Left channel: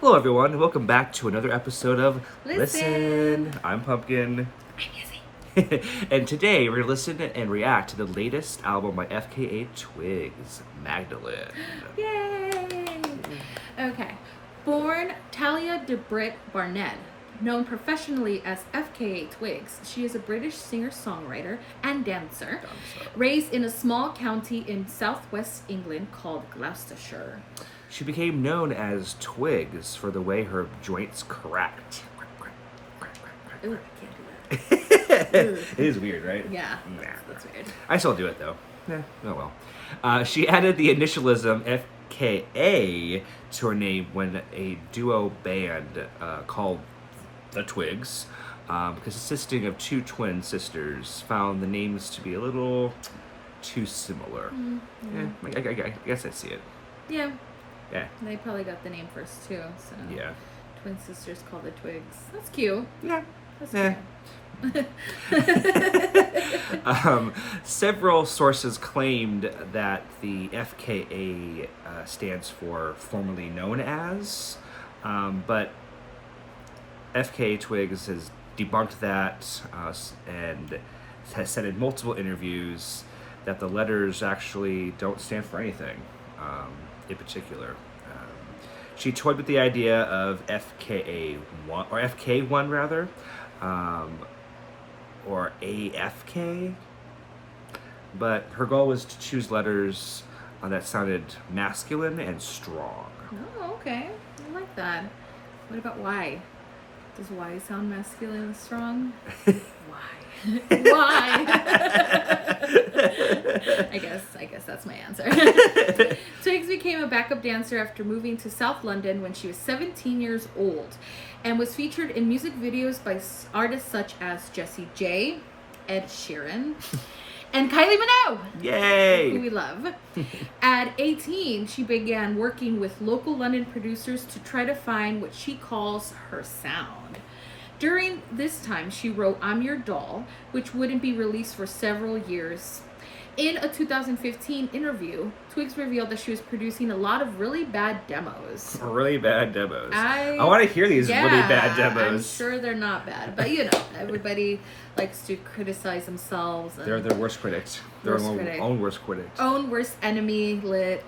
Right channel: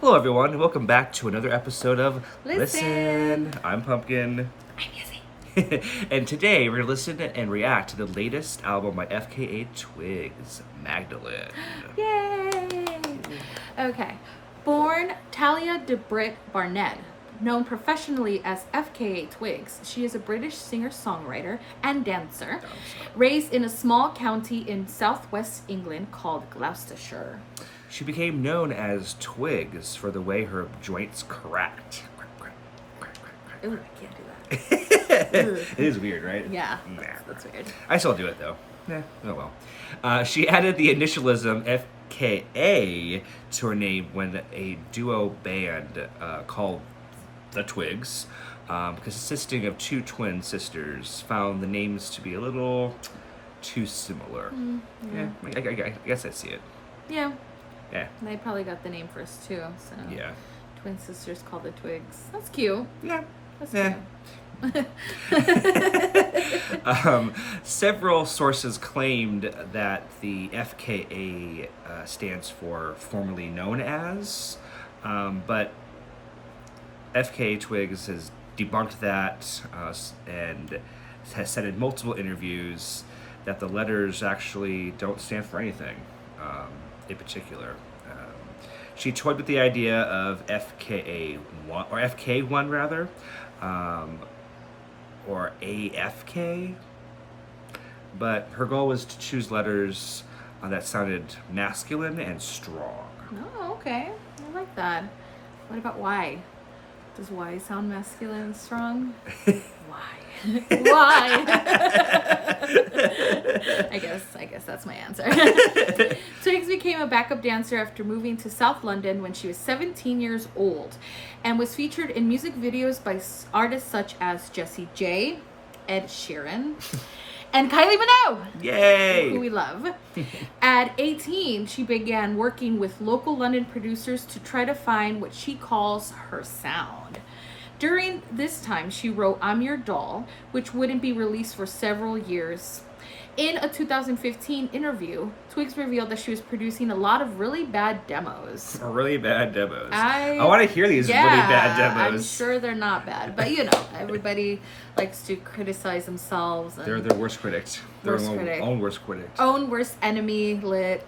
Hello, everyone, and welcome back to another episode of Listen. I'm Pumpkin. And today we're going to listen and react to the latest album by FKA Twigs Magdalene. Yay! Okay. Born Talia DeBritt Barnett, known professionally as FKA Twigs, she is a British singer-songwriter and dancer, raised in a small county in southwest England called Gloucestershire. She became known as Twigs for the way her joints cracked. Ooh, can't do that. It is weird, right? Yeah, Nah. that's weird. I still do it, though. Oh well. She added the initialism FKA to her name when a duo band called the Twigs, consisting of two twin sisters, found the names to be a little too similar. Yeah, I guess I see it. Yeah, Yeah. they probably got the name first too. So Yeah. twin sisters called the Twigs. That's cute. Yeah. That's Yeah. cute. Several sources claimed that the FKA stands for formerly known as, but FKA Twigs has debunked that and has said in multiple interviews that the letters actually don't stand for anything in particular. She toyed with the idea of FKA1, or FK1 rather, or AFK, but her goal was to choose letters that sounded masculine and strong. Oh, okay. I like that. What about Y? Does Y sound masculine and strong? Why? Why? I guess that's my answer. Twigs became a backup dancer after moving to South London when she was 17 years old, and was featured in music videos by artists such as Jessie J, Ed Sheeran, and Kylie Minogue. Yay! Who we love. At 18, she began working with local London producers to try to find what she calls her sound. During this time, she wrote I'm Your Doll, which wouldn't be released for several years. In a 2015 interview, Twigs revealed that she was producing a lot of really bad demos. Really bad demos. I want to hear these really bad demos. I'm sure they're not bad, but everybody likes to criticize themselves. And They're their worst critics. Their own worst critics. Own worst enemy, lit.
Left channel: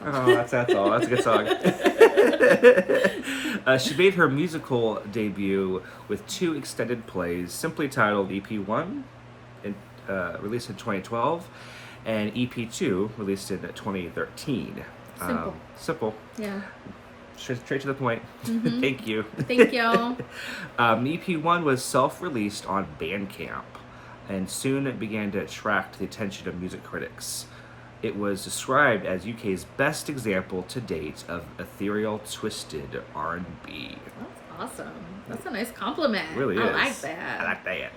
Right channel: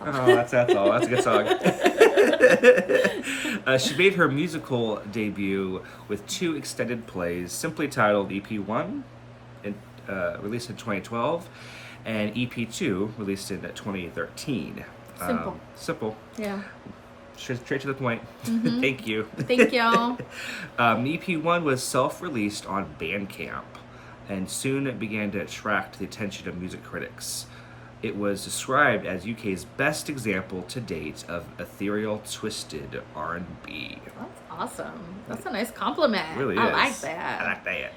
Oh, that's all. That's a good song. She made her musical debut with two extended plays, simply titled EP1, released in 2012, and EP2, released in 2013. Simple. Yeah. Straight to the point. Mm-hmm. Thank you. Thank you. EP1 was self-released on Bandcamp, and soon it began to attract the attention of music critics. It was described as UK's best example to date of ethereal, twisted R&B. That's awesome. That's a nice compliment. It really is. I like that. I like that.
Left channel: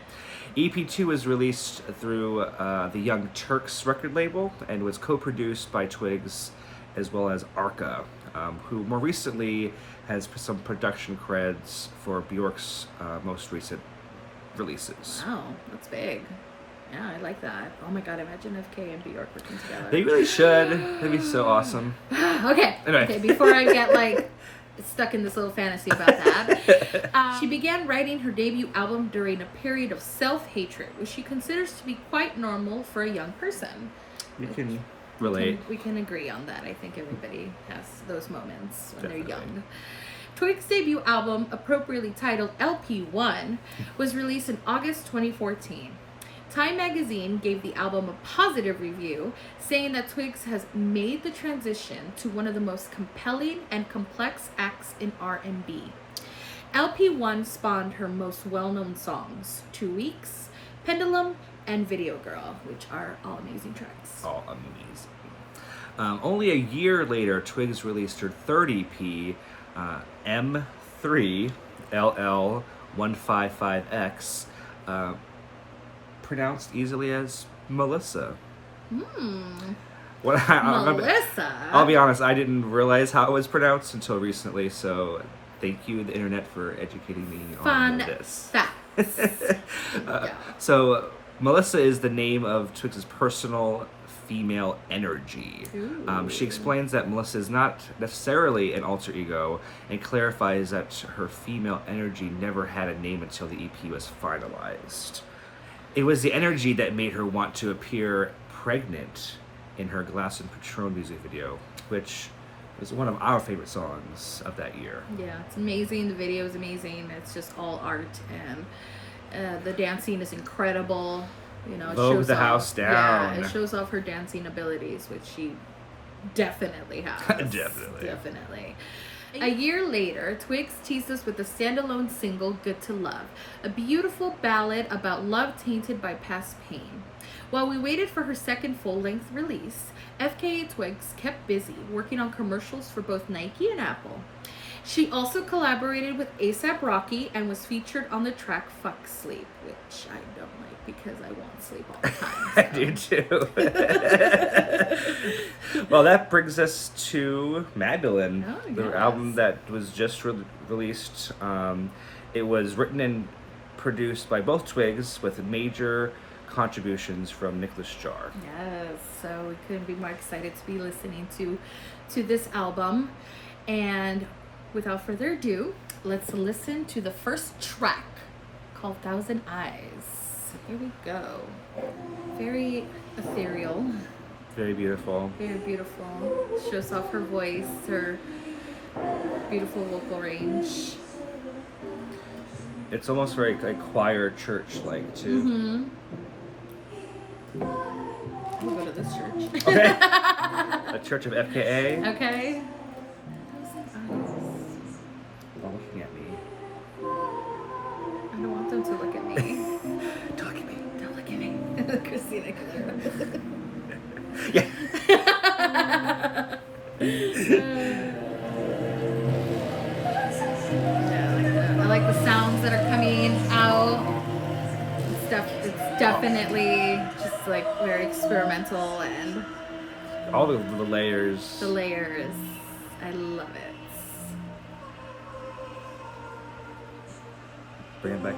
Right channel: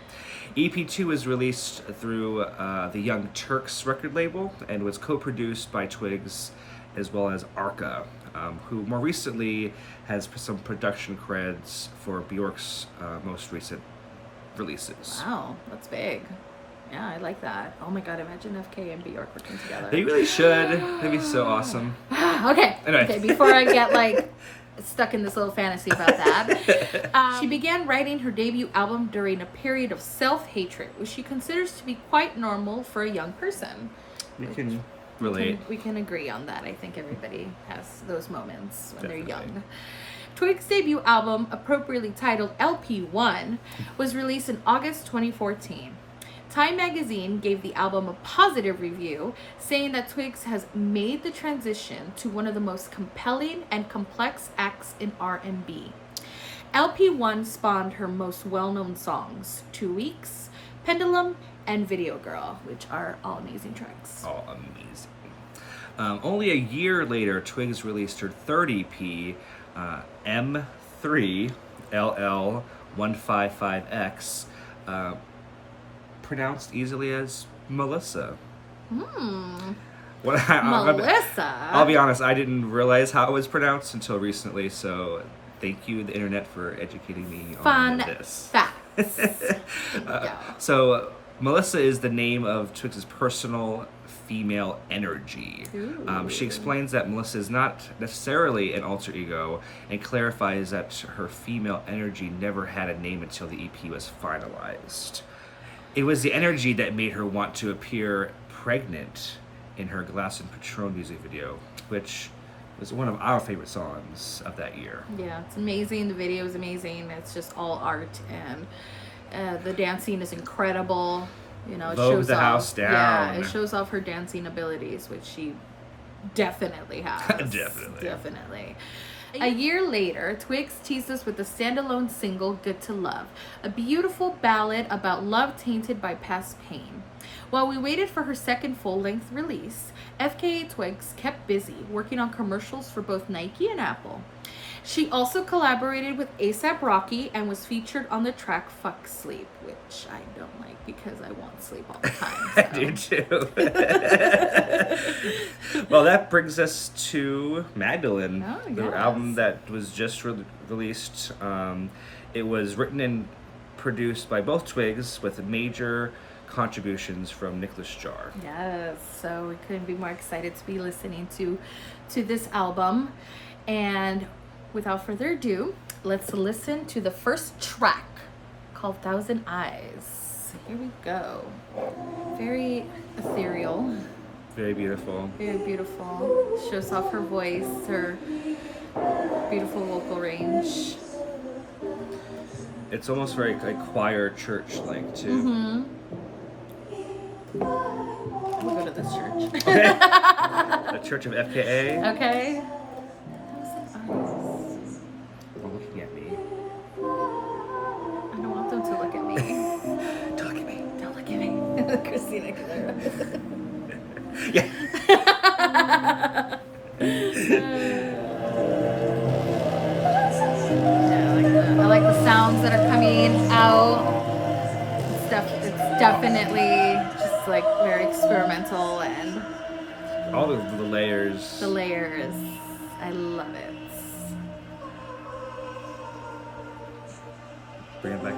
EP2 was released through the Young Turks record label and was co-produced by Twigs as well as Arca, who more recently has some production creds for Bjork's most recent releases. Wow, that's big. Yeah, I like that. Oh my god, imagine FK and Bjork working together. They really should. That'd be so awesome. Okay. Anyway. Okay, before I get stuck in this little fantasy about that. She began writing her debut album during a period of self-hatred, which she considers to be quite normal for a young person. We can relate. We can agree on that. I think everybody has those moments when Definitely. they're young. Twigs' debut album, appropriately titled LP1, was released in August 2014. Time magazine gave the album a positive review, saying that Twigs has made the transition to one of the most compelling and complex acts in R&B. LP1 spawned her most well-known songs, 2 Weeks, Pendulum, and Video Girl, which are all amazing tracks. All amazing. Only a year later, Twigs released her third EP, M3LL155X, pronounced easily as Melissa. Melissa? I'll be honest, I didn't realize how it was pronounced until recently, so thank you, the internet, for educating me on this. Facts. So, Melissa is the name of Twigs' personal female energy. Ooh. She explains that Melissa is not necessarily an alter ego and clarifies that her female energy never had a name until the EP was finalized. It was the energy that made her want to appear pregnant in her Glass and Patron music video, which was one of our favorite songs of that year. Yeah, it's amazing. The video is amazing. It's just all art, and the dancing is incredible. You know, it Vogue shows the off, house down. Yeah, it shows off her dancing abilities, which she definitely has. Definitely. A year later, Twigs teased us with the standalone single Good to Love, a beautiful ballad about love tainted by past pain. While we waited for her second full-length release, FKA Twigs kept busy working on commercials for both Nike and Apple. She also collaborated with A$AP Rocky and was featured on the track Fuck Sleep, which I don't like because I want sleep all the time. I do too. Well, that brings us to Magdalene, the yes. album that was just released. It was written and produced by both Twigs with major contributions from Nicholas Jar. Yes, so we couldn't be more excited to be listening to this album. And without further ado, let's listen to the first track called Thousand Eyes. Here we go. Very ethereal. Very beautiful. Very beautiful. Shows off her voice, her beautiful vocal range. It's almost very like choir church-like too. Mm-hmm. We'll go to this church. Okay. The Church of FKA. Okay. They're looking at me. I don't want them to look at me. Don't look at me. Don't look at me. Christina. Yeah. I like the sounds that are coming out. It's definitely just like very experimental, and All the layers. the layers. I love it. Bring it back.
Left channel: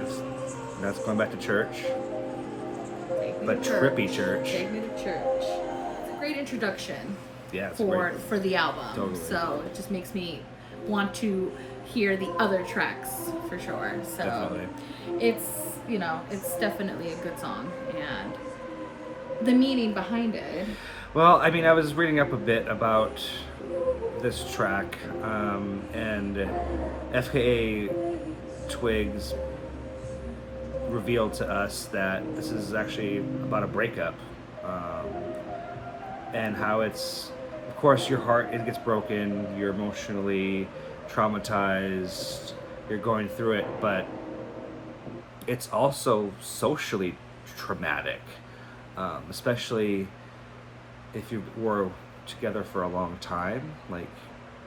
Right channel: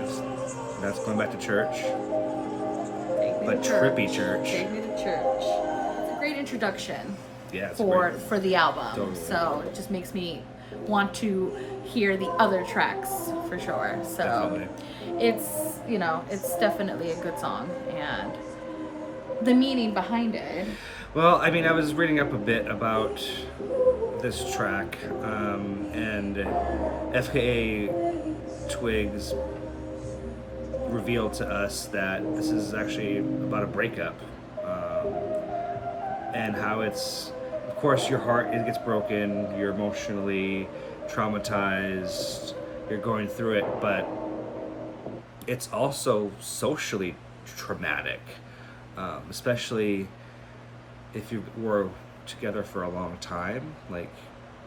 That's going back to church. Take me But to trippy church. Take me to church. It's a great introduction Yeah, it's for great. the album. Totally. So it just makes me want to hear the other tracks for sure. So Definitely. it's, you know, it's definitely a good song, and the meaning behind it. Well, I mean, I was reading up a bit about this track, and FKA Twigs revealed to us that this is actually about a breakup, and how it's, of course, your heart, it gets broken, you're emotionally traumatized, you're going through it, but it's also socially traumatic, especially if you were together for a long time. Like,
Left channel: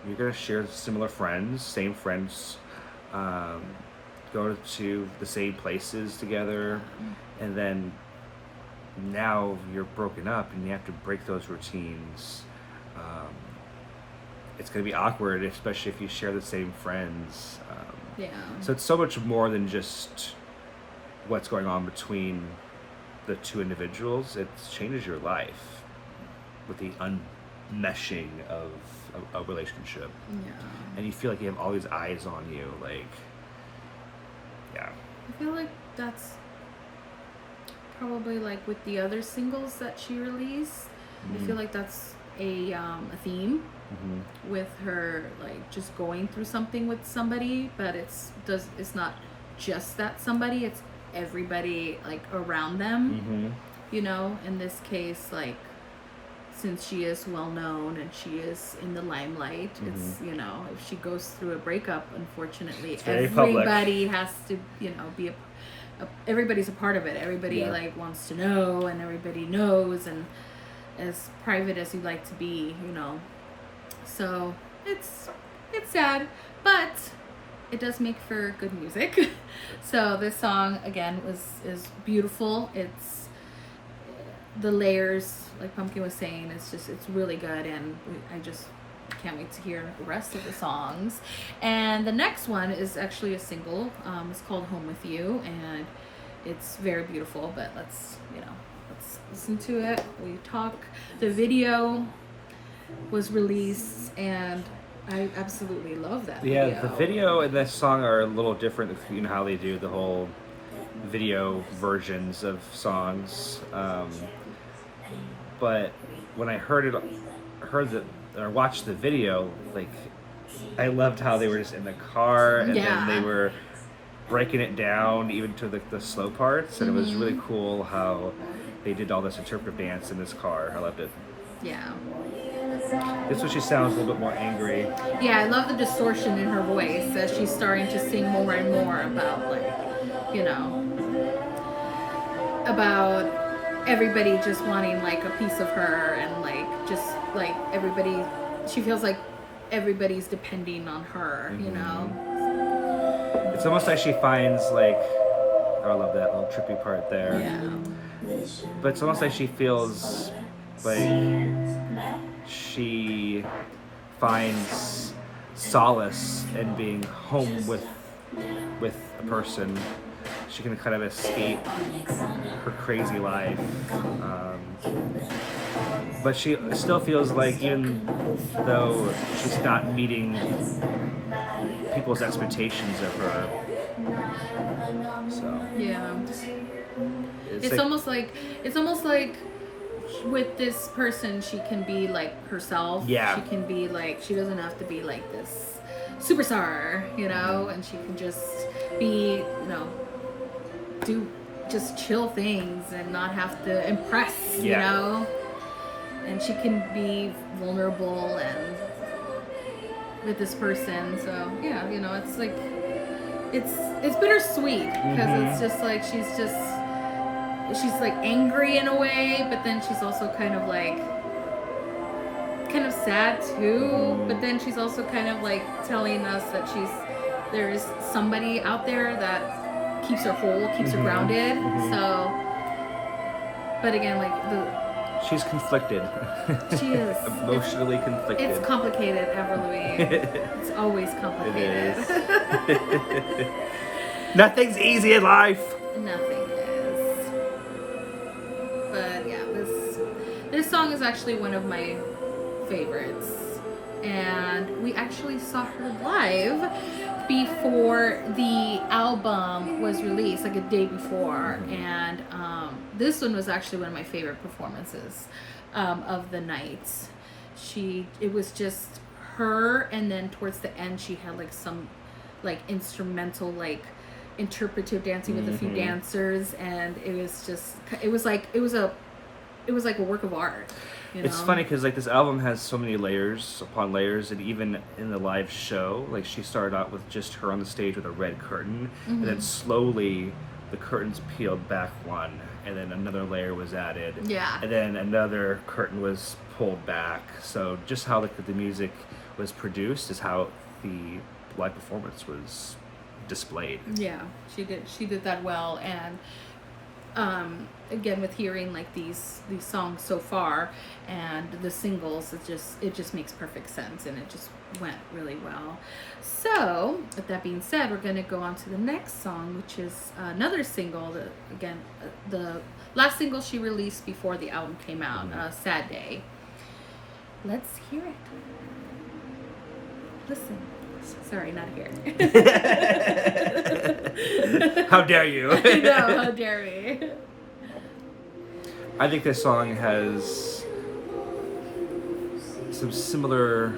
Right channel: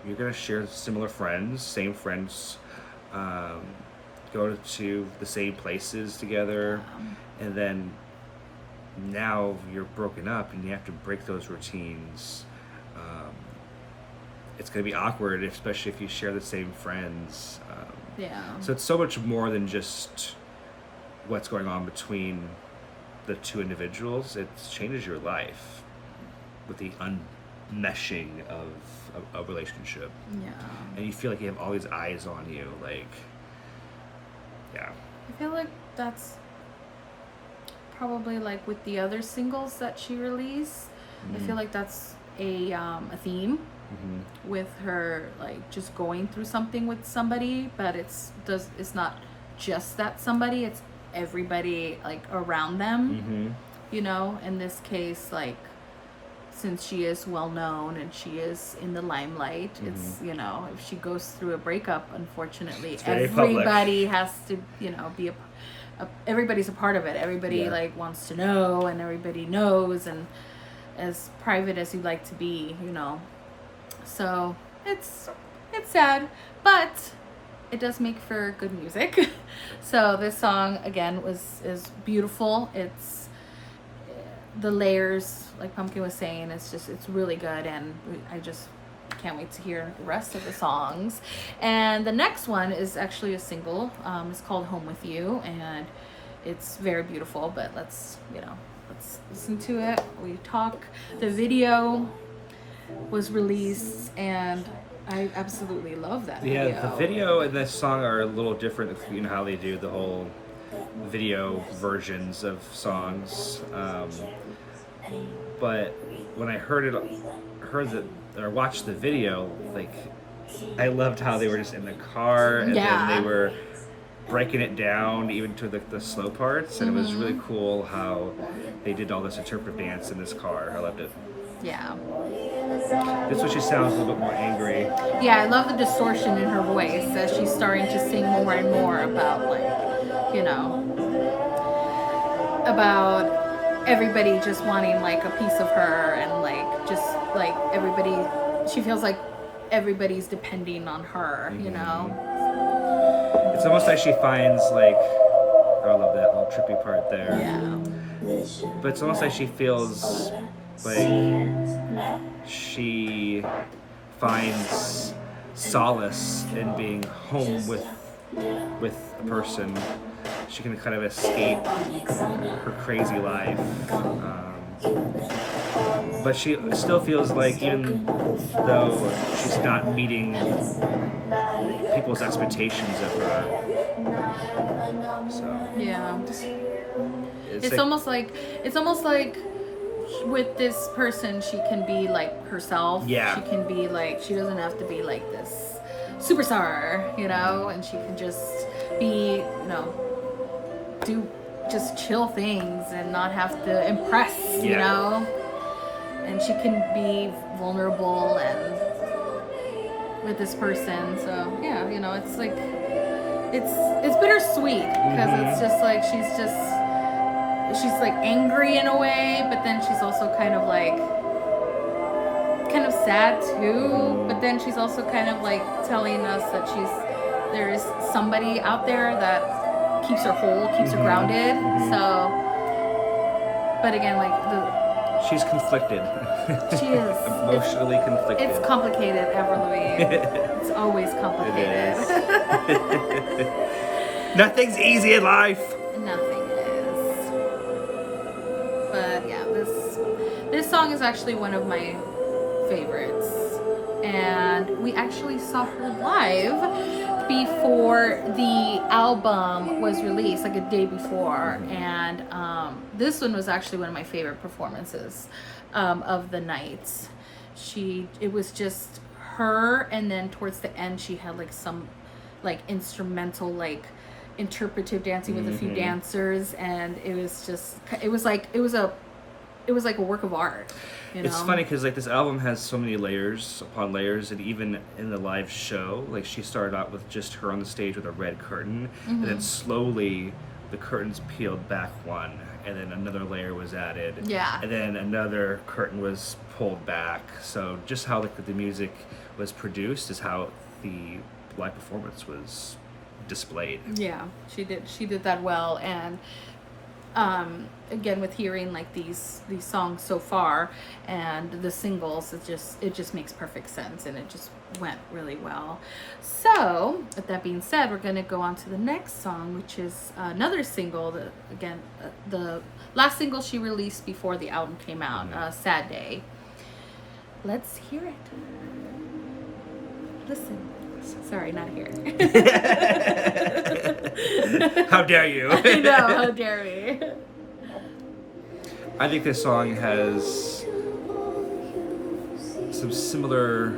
you're gonna share similar friends, same friends, go to the same places together, and then now you're broken up and you have to break those routines. It's gonna be awkward, especially if you share the same friends. Yeah. So it's so much more than just what's going on between the two individuals. It changes your life with the unmeshing of a relationship. Yeah. And you feel like you have all these eyes on you, like, yeah. I feel like that's probably like with the other singles that she released. I feel like that's a theme with her, like just going through something with somebody, but it's not just that somebody, it's everybody like around them. You know, in this case, like, since she is well known and she is in the limelight, it's, you know, if she goes through a breakup, unfortunately, everybody has to, you know, be everybody's a part of it. Everybody like wants to know, and everybody knows, and as private as you like to be, you know. So it's sad, but it does make for good music. So this song again is beautiful. It's the layers, like Pumpkin was saying, it's really good, and I just can't wait to hear the rest of the songs. And the next one is actually a single. It's called Home With You, and it's very beautiful, but let's, you know, let's listen to it. We talk. The video was released, and I absolutely love that Yeah, video. the video and the song are a little different. You know how they do the whole video versions of songs. But when I watched the video, like, I loved how they were just in the car, and then they were breaking it down even to the slow parts, and it was really cool how they did all this interpretive dance in this car. I loved it. Yeah. This one, she sounds a little bit more angry. Yeah, I love the distortion in her voice as she's starting to sing more and more about, like, you know, about everybody just wanting, like, a piece of her, and, like, just, like, everybody, she feels like everybody's depending on her, you know? It's almost like she finds, like, oh, I love that little trippy part there. Yeah. But it's almost like she feels like she finds solace in being home with a person. She can kind of escape her crazy life, but she still feels like, even though she's not meeting people's expectations of her, so Yeah. it's It's almost like with this person, she can be like herself. Yeah. She can be like, she doesn't have to be like this superstar, you know, and she can just be, you know, do just chill things and not have to impress, you know, and she can be vulnerable and with this person. So yeah, you know, it's like, it's bittersweet because it's just like she's like angry in a way, but then she's also kind of sad too, but then she's also kind of like telling us that there's somebody out there that keeps her whole, keeps her grounded. So, but again, like, she's conflicted. She is emotionally conflicted. It's complicated, Everly. It's always complicated. It is. Nothing's easy in life. Nothing is. But yeah, this song is actually one of my favorites, and we actually saw her live before the album was released, like a day before, and this one was actually one of my favorite performances of the night. It was just her, and then towards the end she had like some like instrumental, like interpretive dancing with a few dancers, and it was like a work of art. You know? It's funny because like this album has so many layers upon layers, and even in the live show, like she started out with just her on the stage with a red curtain, and then slowly the curtains peeled back one, and then another layer was added, and then another curtain was pulled back. So just how the music was produced is how the live performance was displayed. Yeah, she did that well, and again, with hearing like these songs so far and the singles, it just makes perfect sense, and it just went really well. So with that being said, we're going to go on to the next song, which is another single that, again, the last single she released before the album came out, Sad Day. Let's hear it. Listen. Sorry, not here. How dare you? I know, how dare we? I think this song has some similar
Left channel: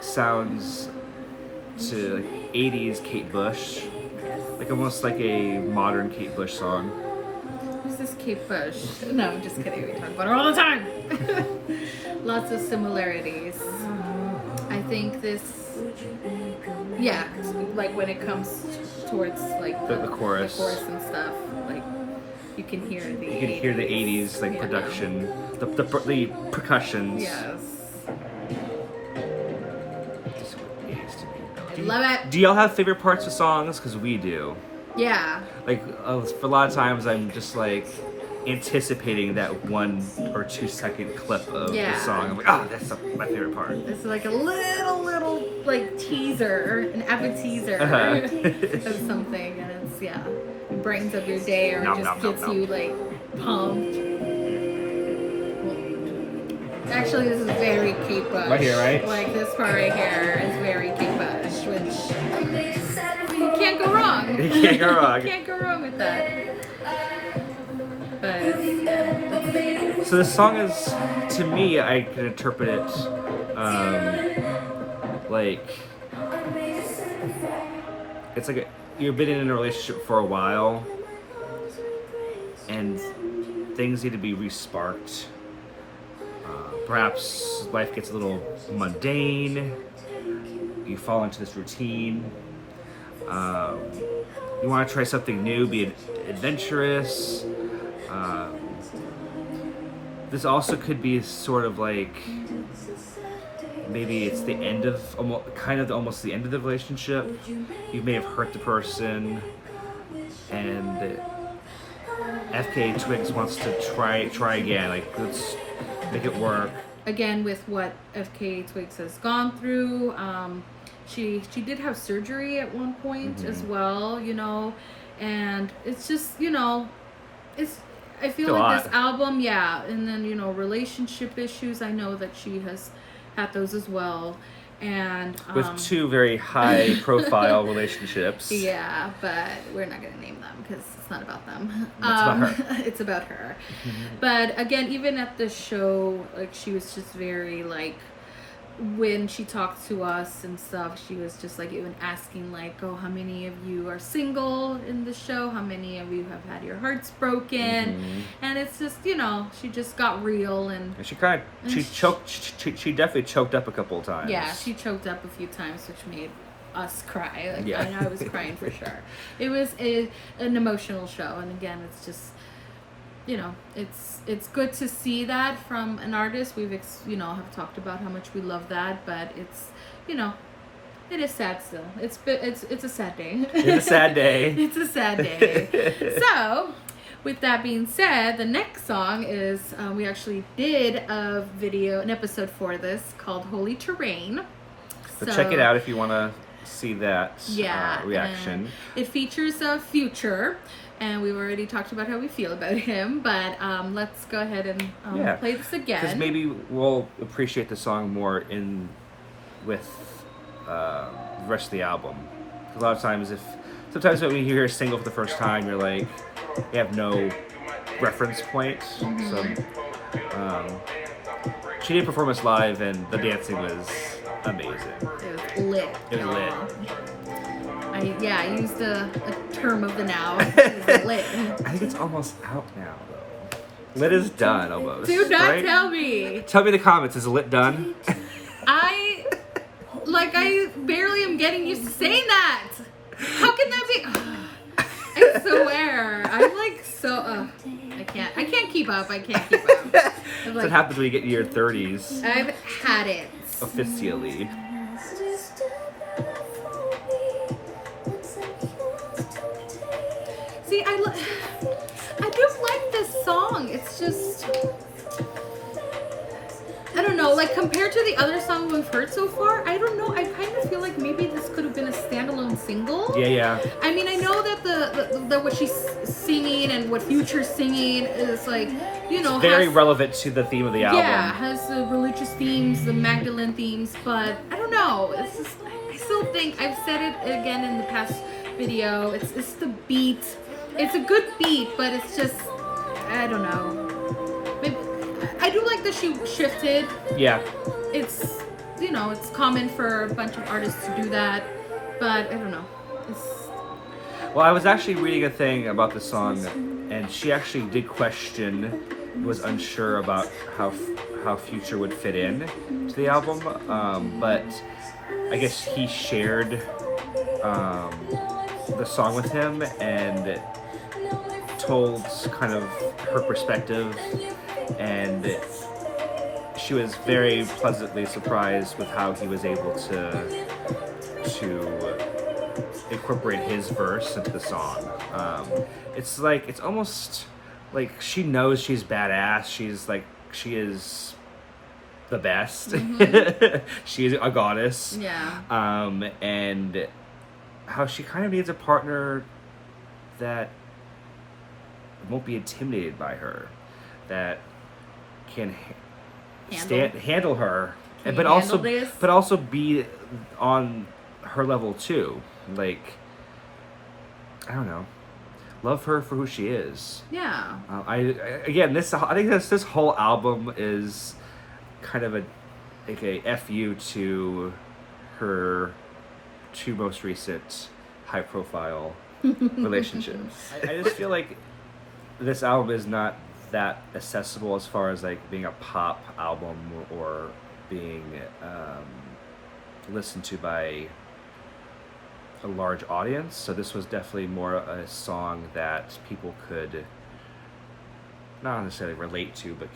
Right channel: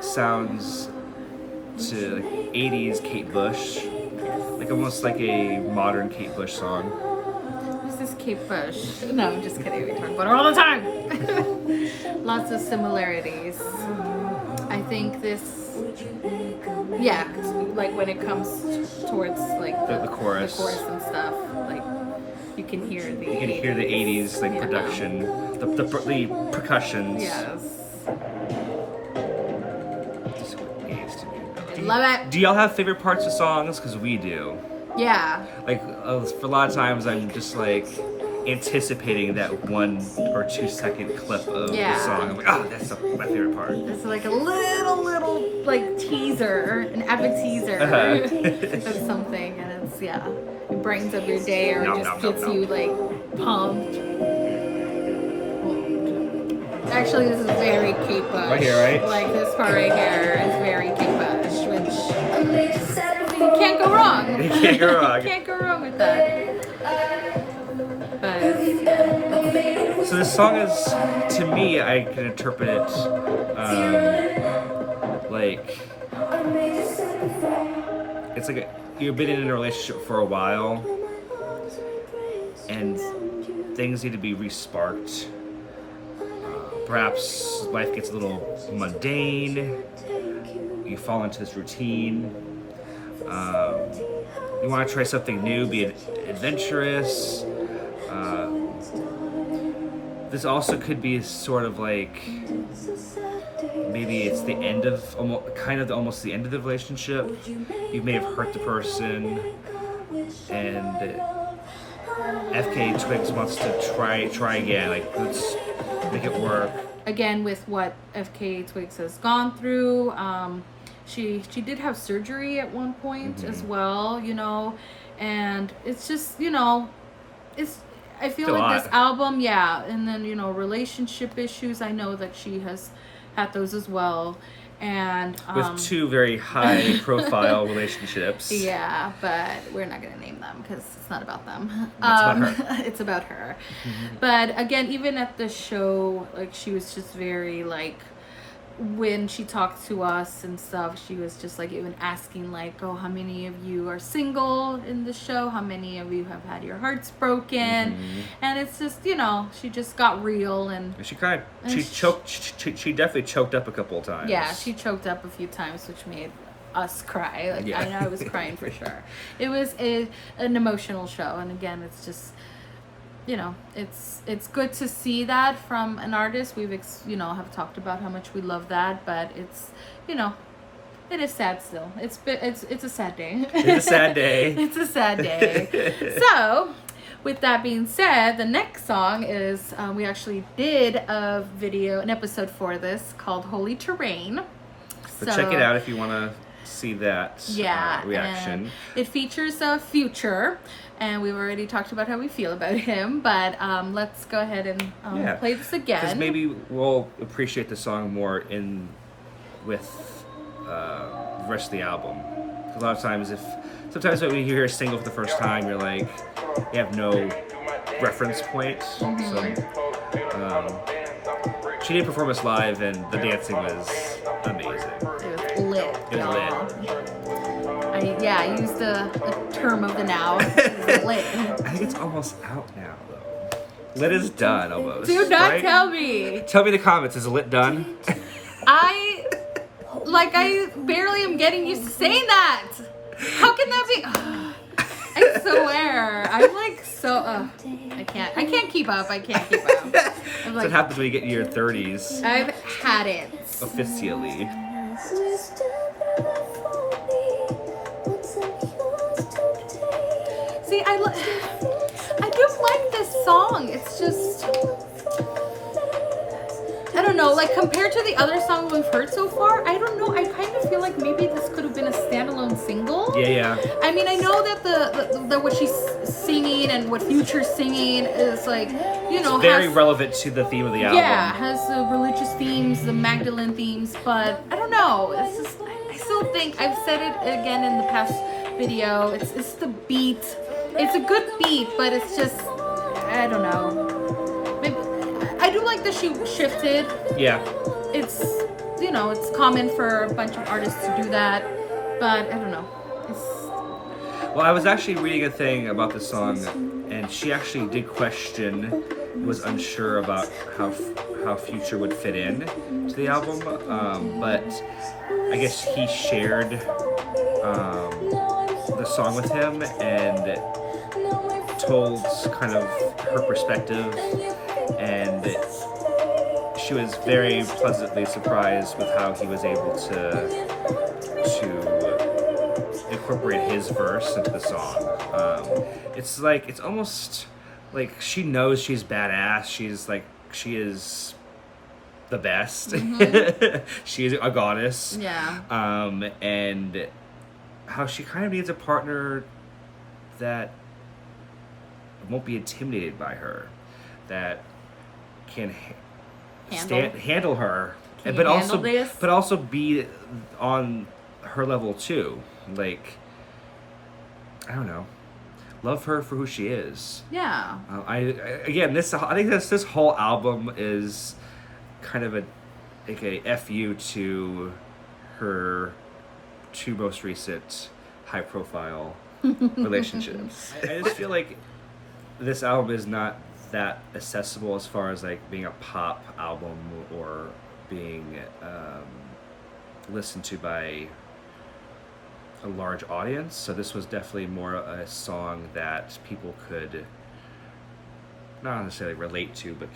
sounds to like 80s Kate Bush, like almost like a modern Kate Bush song. Who's this Kate Bush? No, I'm just kidding. We talk about her all the time. Lots of similarities. I think this, yeah, like when it comes towards like the chorus and stuff, like you can hear the 80s like production, the percussions. Yes. I Love it. Do y'all have favorite parts of songs? Because we do. Yeah. Like for a lot of times, I'm just like anticipating that 1 or 2 second clip of the song. I'm like, oh, that's my favorite part. It's like a little like teaser, an appetizer of something, and it brightens up your day, or just gets you like Pumped. Actually, this is very Kate Bush. Right here, right? Like, this part right here is very Kate Bush, which you can't go wrong. You can't go wrong. You can't go wrong with that. But it's, So this song is, to me, I can interpret it like it's like you've been in a relationship for a while, and things need to be resparked. Perhaps life gets a little mundane. You fall into this routine. You want to try something new, be adventurous. This also could be sort of like maybe it's the end of almost the end of the relationship. You may have hurt the person, and FKA Twigs wants to try again. Like, let's make it work. again, with what FKA Twigs has gone through, she did have surgery at one point as well, you know, and it's just, you know, I feel like this album, and then, you know, relationship issues, I know that she has had those as well, and with two very high profile relationships. Yeah, but we're not gonna name them because it's not about them. It's about her. It's about her. But again, even at the show, like, she was just very like, when she talked to us and stuff, she was just like even asking like, oh, how many of you are single in the show? How many of you have had your hearts broken? And it's just, you know, she just got real, and she cried. She choked. She definitely choked up a couple of times. Yeah, she choked up a few times, which made us cry. Like, Yeah. I know I was crying for sure. It was an emotional show, and again, it's just, you know, it's good to see that from an artist. We've have talked about how much we love that, but it's, you know, it is sad still. It's a sad day. It's a sad day. It's a sad day. So, with that being said, the next song is, we actually did an episode for this called Holy Terrain. So check it out if you want to see that reaction. It features Future, and we've already talked about how we feel about him, but let's go ahead and play this again. Because maybe we'll appreciate the song more with the rest of the album. 'Cause a lot of times, sometimes when you hear a single for the first time, you're like, you have no reference point. So she did perform us live, and the dancing was amazing. It was lit. It was lit. I used the term of the now. It was lit. I think it's almost out now, though. Lit is done, almost. Do not right? tell me. Tell me in the comments, is lit done? I barely am getting used to saying that. How can that be? I swear. I'm like so. I can't keep up. That's what happens when you get in your 30s. I've had it. Officially. See, I do like this song. It's just, I don't know, like, compared to the other songs we've heard so far, I don't know, I kind of feel like maybe this could have been a standalone single. Yeah. I mean, I know that the what she's singing and what Future's singing is, like, you know, very relevant to the theme of the album. Yeah, has the religious themes, the Magdalene themes, but I don't know. It's just, I still think, I've said it again in the past video, it's the beat. It's a good beat, but it's just, I don't know. Maybe, I do like that she shifted. Yeah. It's, you know, it's common for a bunch of artists to do that, but I don't know. Well, I was actually reading a thing about the song, and she actually did question, was unsure about how Future would fit in to the album, but I guess he shared the song with him and told kind of her perspective, and she was very pleasantly surprised with how he was able to incorporate his verse into the song. It's almost like she knows she's badass. She is the best. She is a goddess. Yeah. And how she kind of needs a partner that won't be intimidated by her, that can handle her, Can but you also handle this? but also be on her level too. Like, I don't know, love her for who she is. Yeah. I think this whole album is kind of a fu to her two most recent high profile relationships. I just feel like this album is not that accessible as far as like being a pop album or being listened to by a large audience. So this was definitely more a song that people could not necessarily relate to, but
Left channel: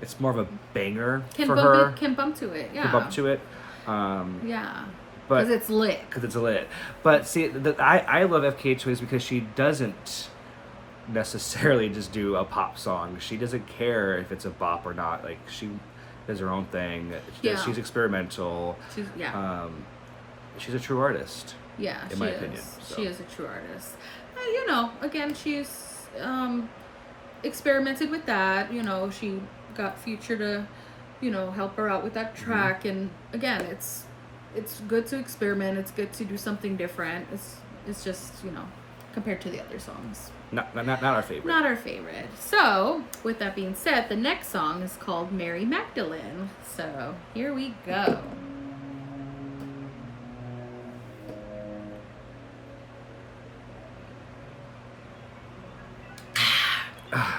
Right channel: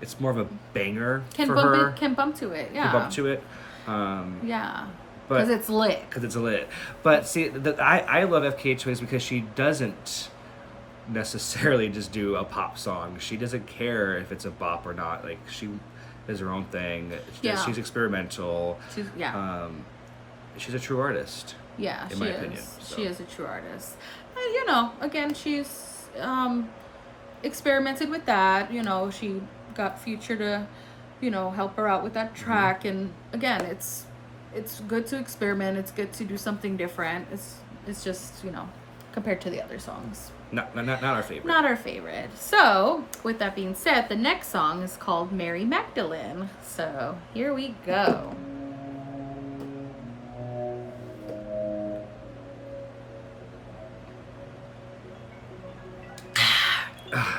it's more of a banger for her. Can bump to it. Yeah. Can bump to it. Yeah. But Because it's lit. Because it's lit. But see, I love FKA Twigs because she doesn't necessarily just do a pop song. She doesn't care if it's a bop or not. Like, she does her own thing. She's experimental. She's a true artist. Yeah, in my opinion. So. She is a true artist. Again, she's experimented with that. She got Future to, help her out with that track. And again, it's good to experiment. It's good to do something different. It's just, compared to the other songs. Not our favorite. Not our favorite. So, with that being said, the next song is called Mary Magdalene. So, here we go.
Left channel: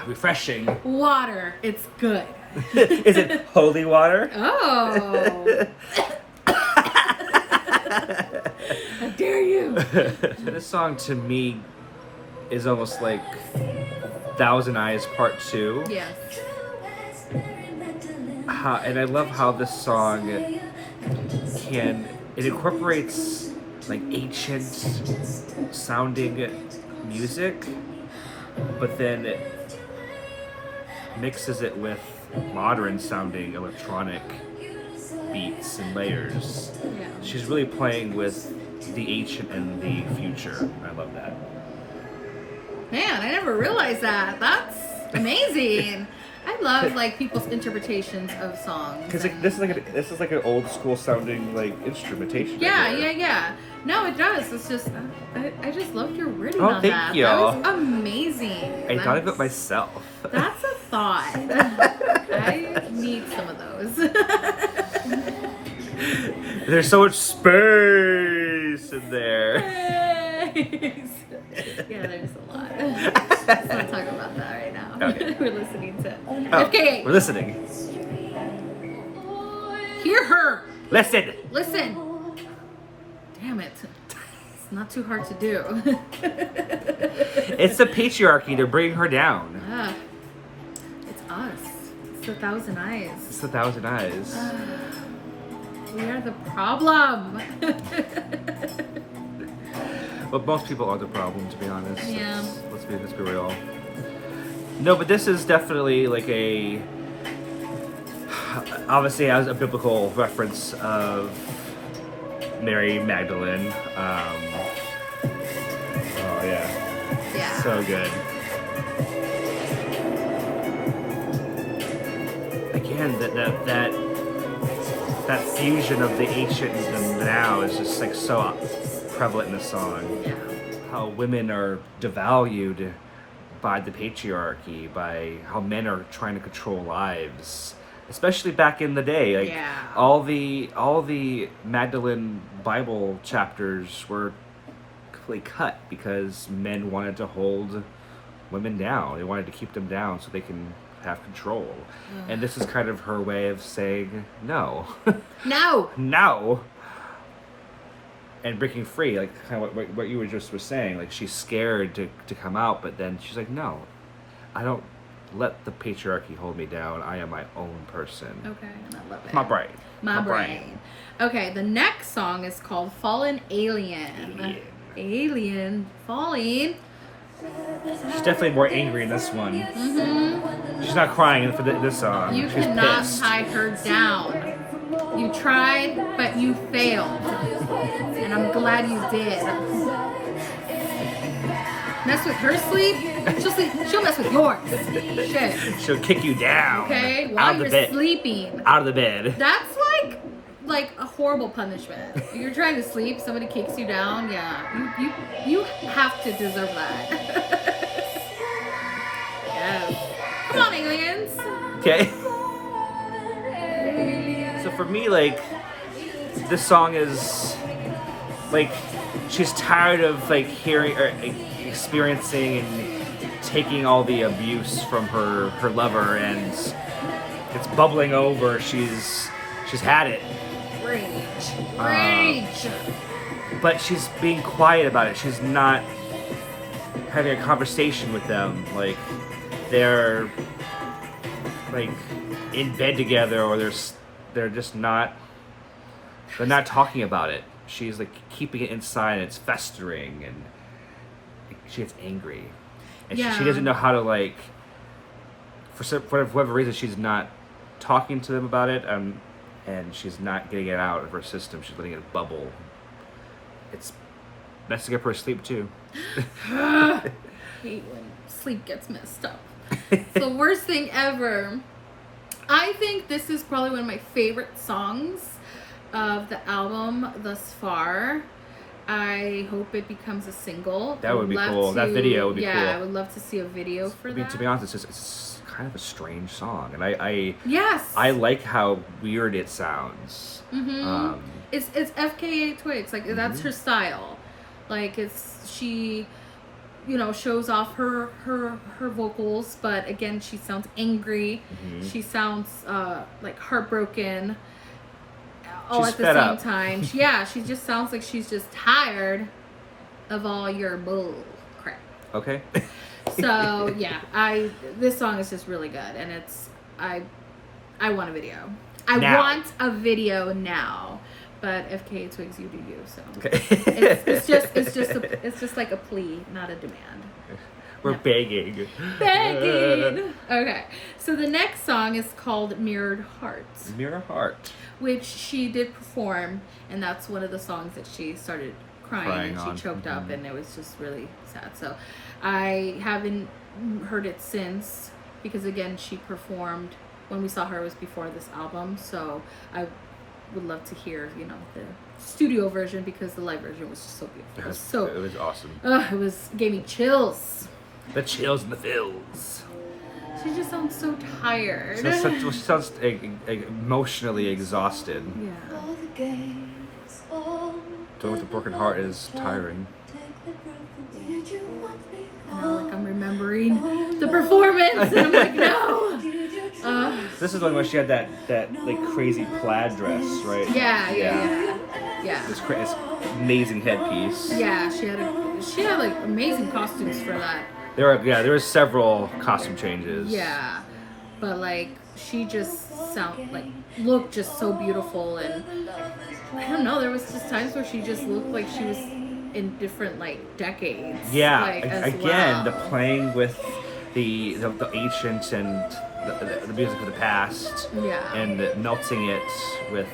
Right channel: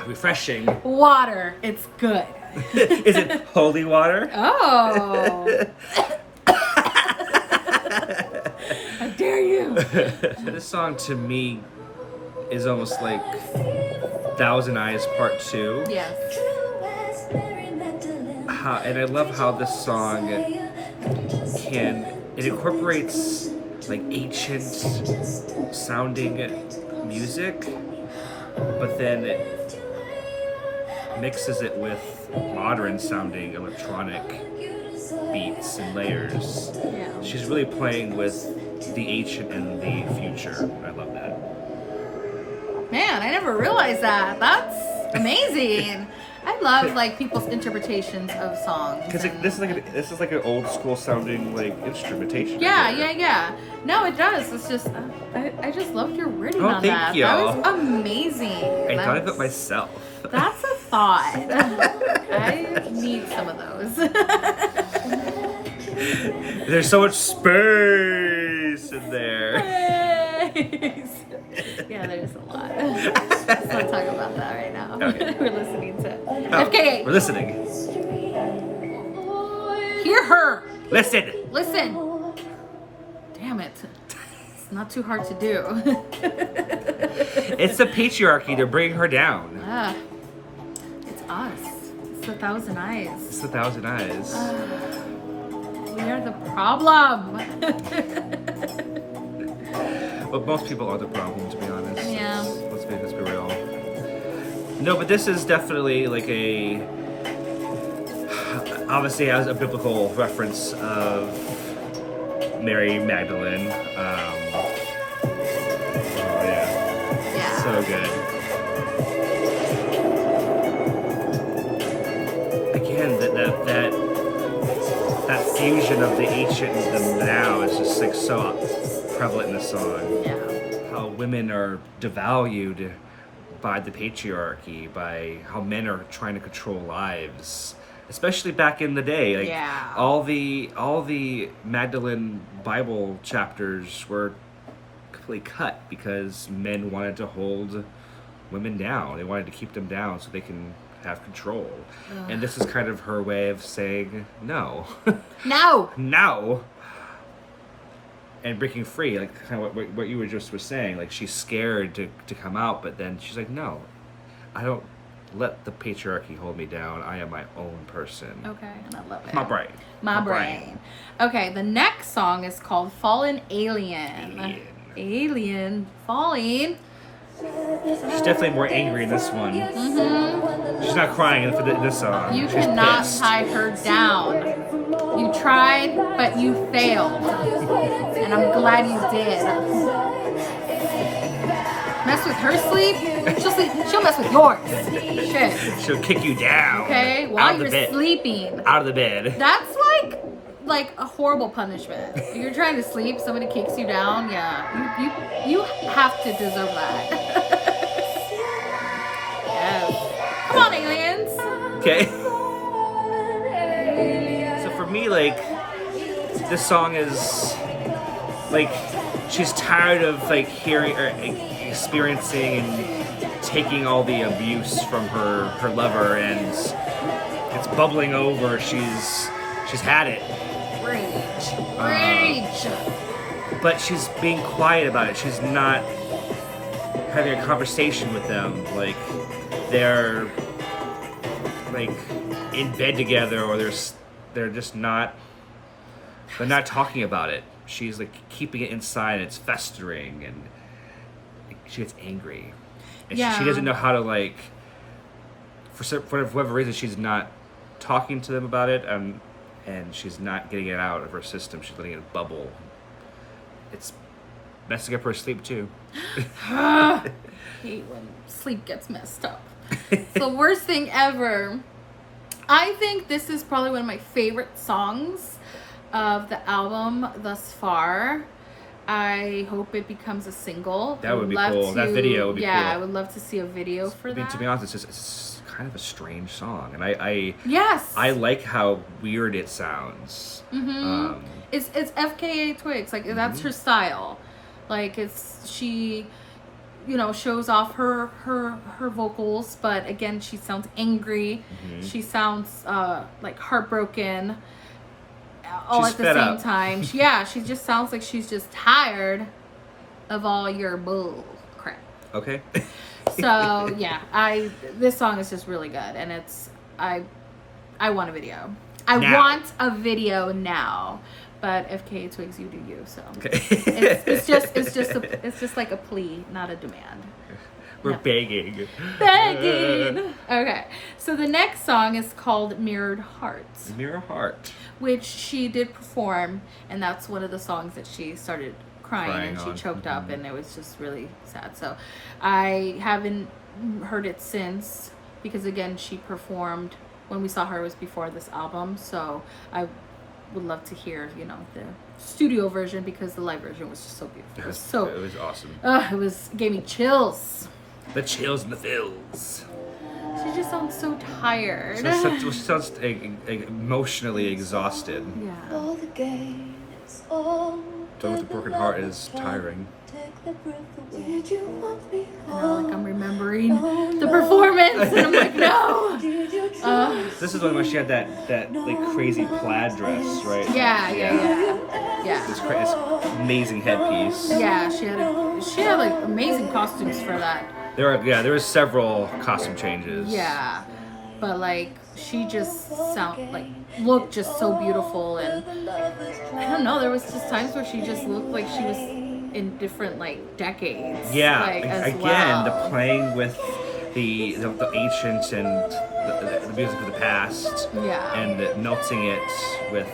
Refreshing. Water. It's good. Is it holy water? Oh. How dare you? This song to me is almost like Thousand Eyes Part 2. Yes. And I love how this song it incorporates like ancient sounding music, but then it mixes it with modern sounding electronic beats and layers. Yeah. She's really playing with the ancient and the future. I love that. Man, I never realized that. That's amazing. I love like people's interpretations of songs. Because this is like an old school sounding like instrumentation. Yeah. No, it does. It's just I just loved your wording on thank that. you. That was amazing. I thought of it myself. That's a thought. I need some of those. There's so much space in there. Yeah, there's a lot. Let's not talk about that right now. Okay. We're listening to Okay. We're listening. Hear her. Listen. Damn it. It's not too hard to do. It's the patriarchy to bring her down. It's us. It's the Thousand Eyes. It's the Thousand Eyes. We are the problem. But most people are the problem, to be honest. Yeah. Let's be real. No, but this is definitely like obviously has a biblical reference of Mary Magdalene. Oh yeah. So good. Again, that fusion of the ancient and the now is just like so prevalent in the song. Yeah. How women are devalued by the patriarchy, by how men are trying to control lives, especially back in the day. Like all the Magdalene Bible chapters were completely cut because men wanted to hold women down. They wanted to keep them down so they can have control. And this is kind of her way of saying no. No. And breaking free, like kind of what you were just saying. Like she's scared to come out, but then she's like, no, I don't let the patriarchy hold me down. I am my own person. Okay, and I love it. My brain. My brain. Okay, the next song is called Fallen Alien. Alien. Falling. She's definitely more angry in this one. Mm-hmm. She's not crying for this song. You She's cannot pissed. tie her down. You tried, but you failed. And I'm glad you did. mess with her sleep, she'll mess with yours. Shit. She'll kick you down. Okay, out while of the you're bed. sleeping. Out of the bed. That's like a horrible punishment. If you're trying to sleep, somebody kicks you down. Yeah, you have to deserve that. Yes. Come on, aliens. Okay. So for me, like, this song is like she's tired of like hearing or experiencing and taking all the abuse from her lover, and it's bubbling over. She's had it. Rage. But she's being quiet about it. She's not having a conversation with them. Like, they're like in bed together, or they're just not. They're not talking about it. She's like keeping it inside, and it's festering, and she gets angry, and she doesn't know how to, like, for whatever reason, she's not talking to them about it, and she's not getting it out of her system. She's letting it bubble. It's messing up her sleep too. I hate when sleep gets messed up. It's the worst thing ever. I think this is probably one of my favorite songs of the album thus far. I hope it becomes a single. That would be cool. That video would be cool. Yeah, I would love to see a video for that. To be honest, it's kind of a strange song, and I yes, I like how weird it sounds. Mm-hmm. It's FKA Twigs, like that's her style. Like she, shows off her vocals, but again she sounds angry. Mm-hmm. She sounds like heartbroken. All she's at the fed same up. time. She just sounds like she's just tired of all your bull crap. Okay. So yeah, this song is just really good, and I want a video. I want a video now, but FKA Twigs, you do you. So okay. it's just like a plea, not a demand. We're begging. Begging. Okay, so the next song is called "Mirrored Hearts." Mirror Heart. Which she did perform, and that's one of the songs that she started crying and she on. choked up, and it was just really sad. So I haven't heard it since, because again she performed when we saw her was before this album, so I would love to hear the studio version, because the live version was just so beautiful. It was awesome. Gave me chills. The chills and the feels. She just sounds so tired. She sounds emotionally exhausted. Yeah. So with a broken heart is tiring. Like I'm remembering the performance, and I'm like, no. This is when she had that like crazy plaid dress, right? Yeah. This amazing headpiece. Yeah, she had like amazing costumes for that. There were several costume changes. Yeah, but like she just looked just so beautiful, and I don't know. There was just times where she just looked like she was in different like decades. Yeah, again, the playing with the ancient and the music of the past. Yeah, and melting it with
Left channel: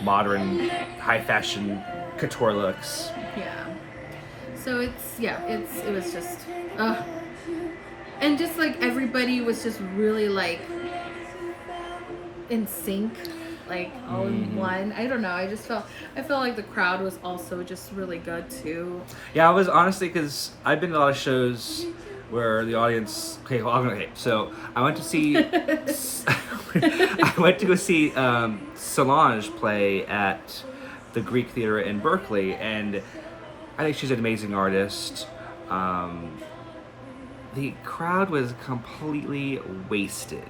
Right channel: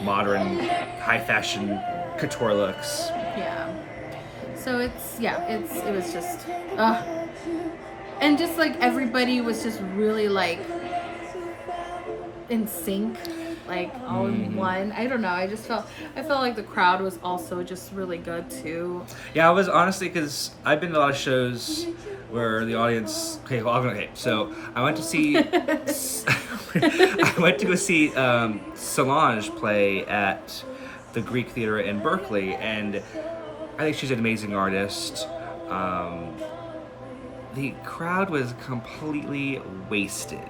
modern high fashion couture looks. Yeah. So it was just and just like everybody was just really like in sync, like all in one. I don't know. I felt like the crowd was also just really good too. Yeah, I was honestly, because I've been to a lot of shows where the audience. So I went to see. I went to go see Solange play at the Greek Theater in Berkeley, and I think she's an amazing artist. The crowd was completely wasted.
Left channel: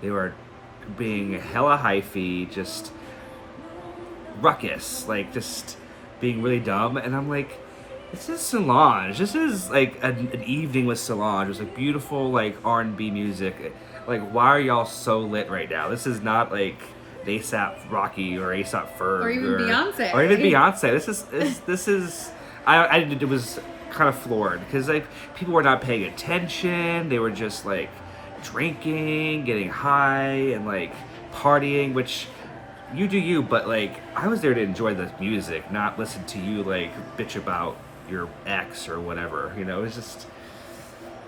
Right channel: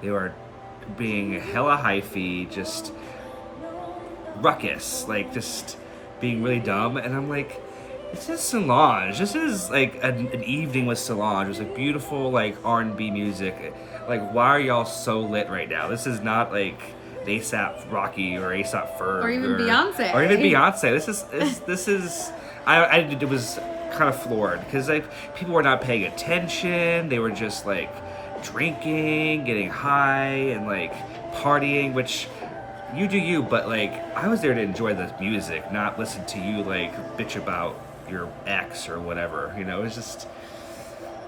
They were being hella hyphy, just ruckus, like just being really dumb. And I'm like, this is Solange. This is like an evening with Solange. It was like beautiful, like R&B music. Like, why are y'all so lit right now? This is not like ASAP Rocky or ASAP Ferg or even Beyonce. Or even Beyonce. This is. It was kind of floored, because like people were not paying attention. They were just like drinking, getting high, and like partying, which you do you, but like I was there to enjoy the music, not listen to you like bitch about your ex or whatever. It was just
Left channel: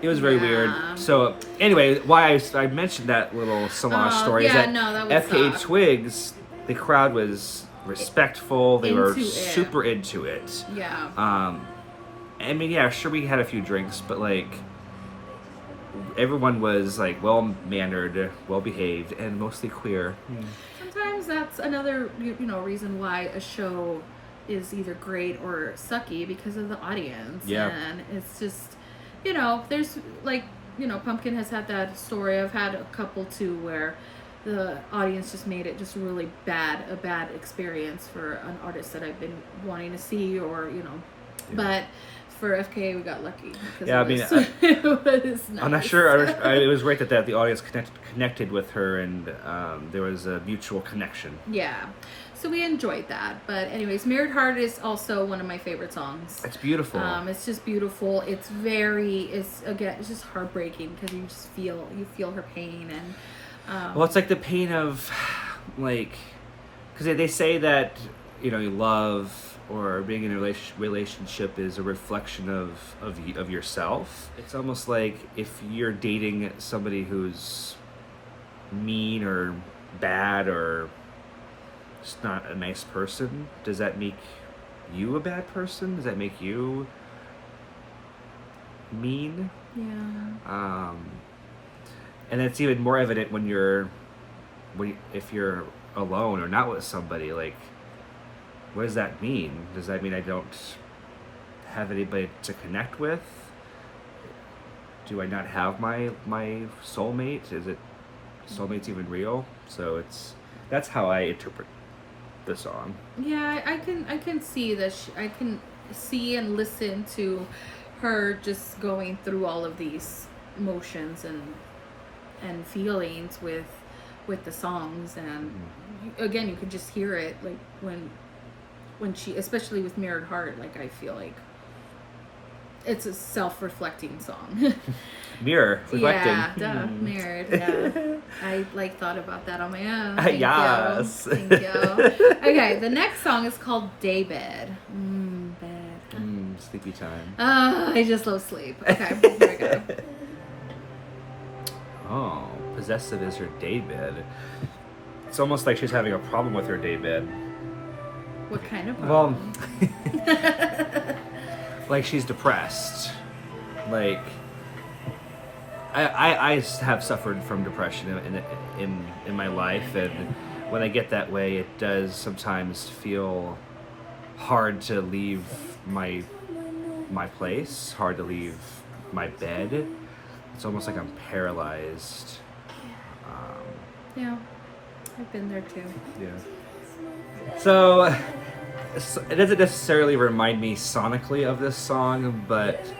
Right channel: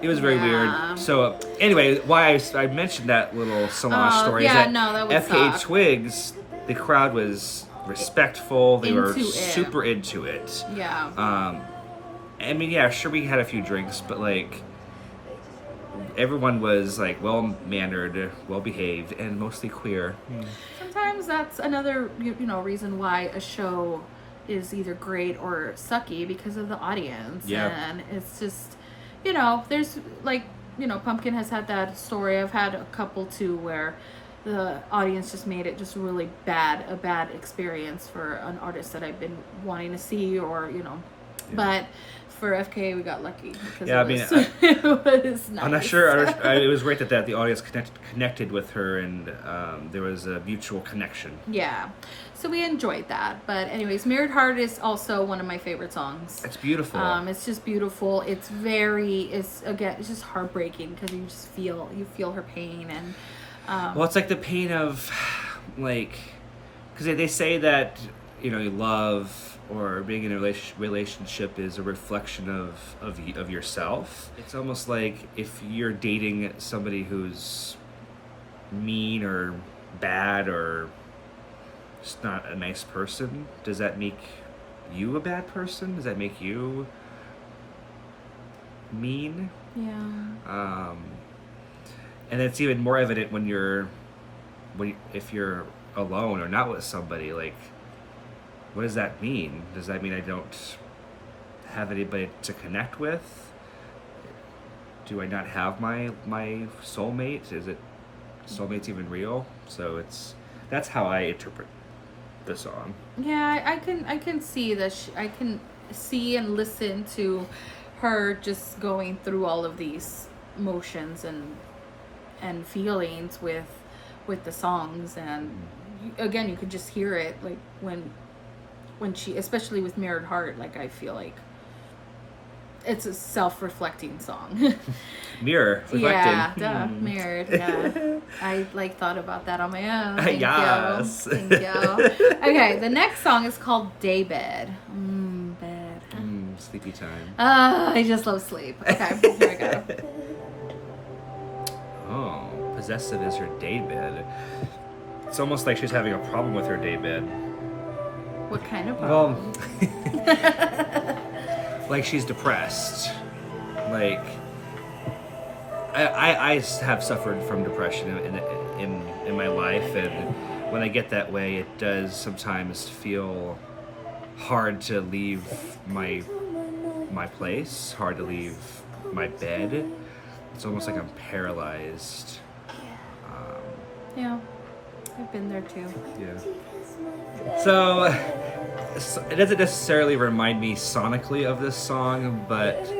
It was very weird. So anyway, why I mentioned that little Solange story is that that would FKA suck. Twigs, the crowd was respectful. They were Into it. super into it. Yeah. I mean, yeah, sure, we had a few drinks, but like everyone was like well mannered, well behaved, and mostly queer. Sometimes that's another reason why a show is either great or sucky, because of the audience. Yeah. And it's just, there's like, Pumpkin has had that story. I've had a couple too where the audience just made it just really a bad experience for an artist that I've been wanting to see, or but for FKA we got lucky because it was nice. I'm not sure. It was great that the audience connected with her, and there was a mutual connection. Yeah, so we enjoyed that. But anyways, "Mirrored Heart" is also one of my favorite songs. It's beautiful. It's just beautiful. It's just heartbreaking because you feel her pain, and well, it's like the pain of like, because they say that you love or being in a relationship is a reflection of yourself. It's almost like if you're dating somebody who's mean or bad or just not a nice person, does that make you a bad person? Does that make you mean? Yeah. And it's even more evident if you're alone or not with somebody. Like, what does that mean? Does that mean I don't have anybody to connect with? Do I not have my soulmate? Is it soulmate's even real? So that's how I interpret the song. Yeah, I can see that. I can see and listen to her just going through all of these emotions and feelings with the songs, and again, you could just hear it like when she, especially with "Mirrored Heart," like I feel like it's a self-reflecting song. Mirror reflecting. Yeah, mirrored. Yeah, I thought about that on my own. Thank Yes. you. Thank you. Okay, the next song is called "Daybed." Bed. Sleepy time. I just love sleep. Okay, here we go. Oh, possessive is her daybed. It's almost like she's having a problem with her daybed. What kind of problem? Well, like she's depressed. Like I have suffered from depression in my life, and when I get that way, it does sometimes feel hard to leave my place, hard to leave my bed. It's almost like I'm paralyzed. Yeah, I've been there too. Yeah. So it doesn't necessarily remind me sonically of this song, but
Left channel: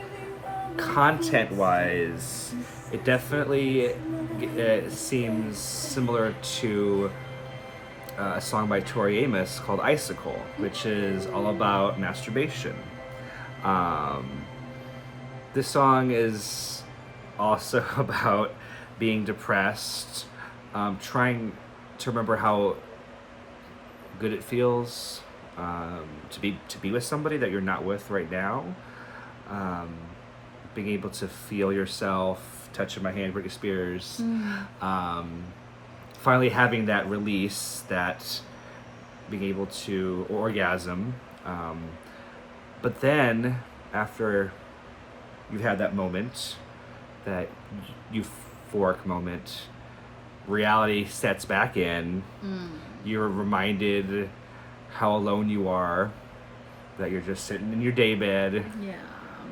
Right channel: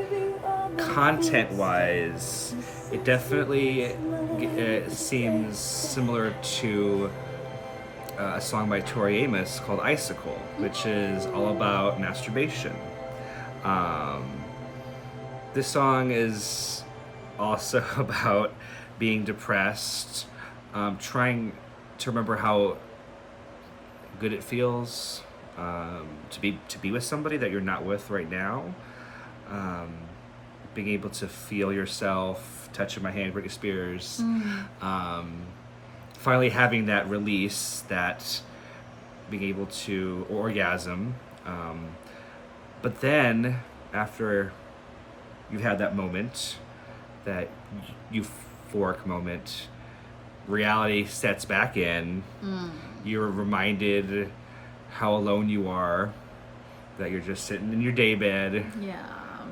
content-wise, it definitely seems similar to a song by Tori Amos called "Icicle," which is all about masturbation. This song is also about being depressed, trying to remember how good it feels to be with somebody that you're not with right now. Being able to feel yourself, touching my hand, Britney Spears. Finally having that release, that being able to orgasm. But then after you've had that moment, that euphoric moment, reality sets back in. You're reminded how alone you are, that you're just sitting in your daybed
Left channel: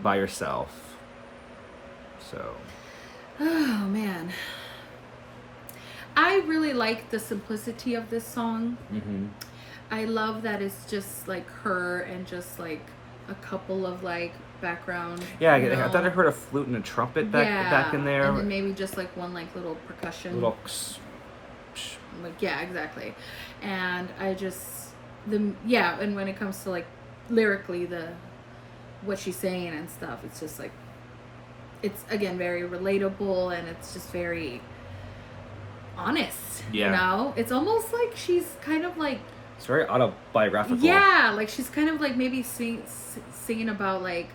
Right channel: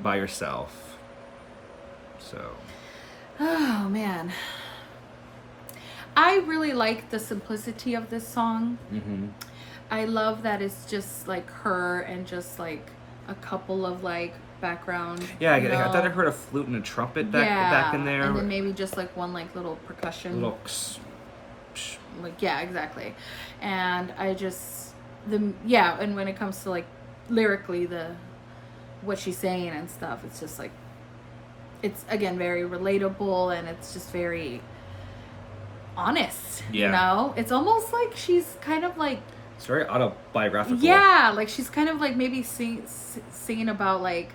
by yourself. So. Oh man, I really like the simplicity of this song. I love that it's just like her and just like a couple of like background. Yeah, I thought I heard a flute and a trumpet back in there. And then maybe just like one like little percussion. Like, yeah, exactly. And I just and when it comes to like lyrically what she's saying and stuff, it's just like, it's again very relatable, and it's just very honest. Yeah. It's almost like she's kind of like, it's very autobiographical. Yeah, like she's kind of like maybe singing about like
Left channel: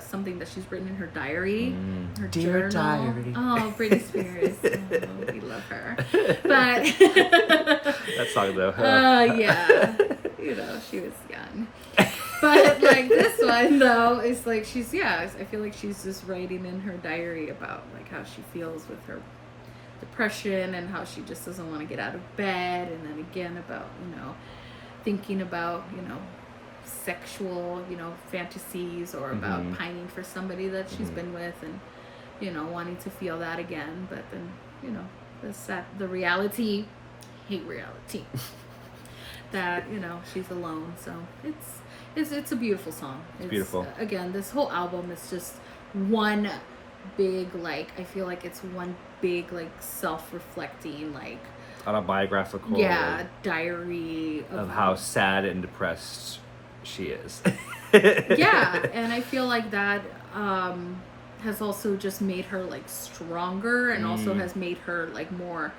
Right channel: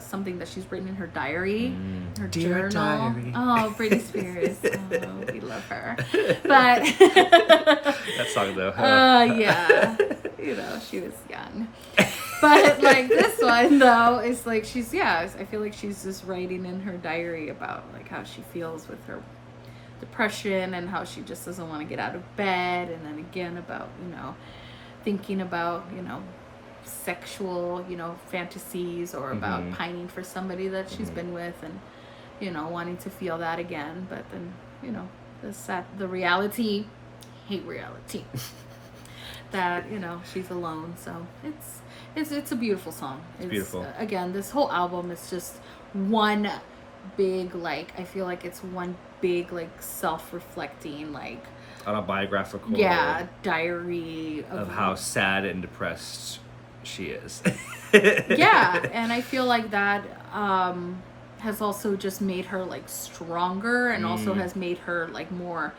something that she's written in her diary, her Dear journal. diary. Oh, Britney Spears. Oh, we love her. But That song though. yeah, she was young. But like this one though is like I feel like she's just writing in her diary about like how she feels with her depression and how she just doesn't want to get out of bed, and then again about thinking about sexual fantasies, or about pining for somebody that she's been with, and wanting to feel that again, but then the reality, hate reality that she's alone. So it's a beautiful song. It's beautiful. Again, this whole album is just one big, like, I feel like it's one big, like, self-reflecting, like, autobiographical diary of how sad and depressed she is. Yeah, and I feel like that has also just made her like stronger, and also has made her like more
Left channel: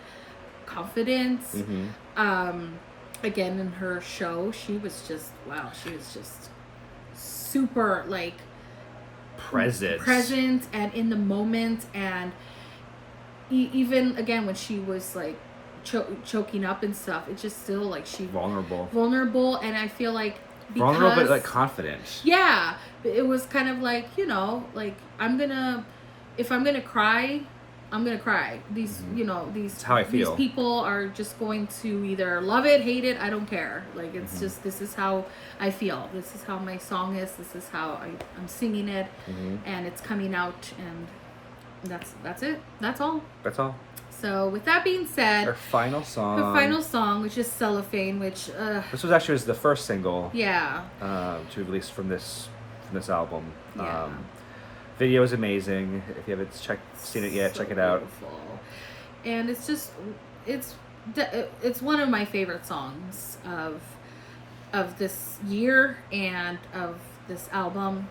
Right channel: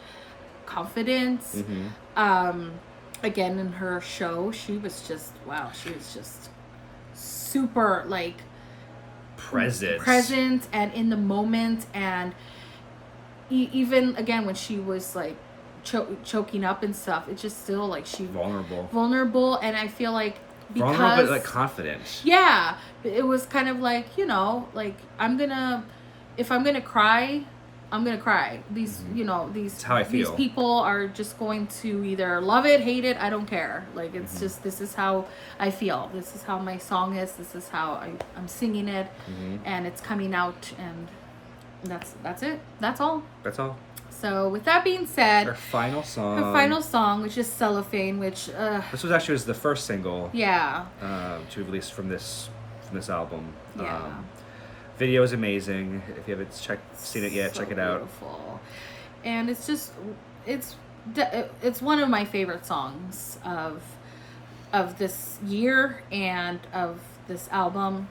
confident. Again, in her show, she was just super like present and in the moment, and even again when she was like choking up and stuff, it's just still like she vulnerable, and I feel like vulnerable but like confident. Yeah, it was kind of like like if I'm gonna cry, I'm gonna cry. These That's how I feel. These people are just going to either love it, hate it, I don't care. Like it's just, this is how I feel. This is how my song is. This is how I'm singing it, and it's coming out, and that's it. That's all. So with that being said, her final song, which is Cellophane, which this was actually the first single to be released from this album. Yeah. Video is amazing. If you haven't seen it yet, check it out. Beautiful. And it's just it's one of my favorite songs of this year and of this album,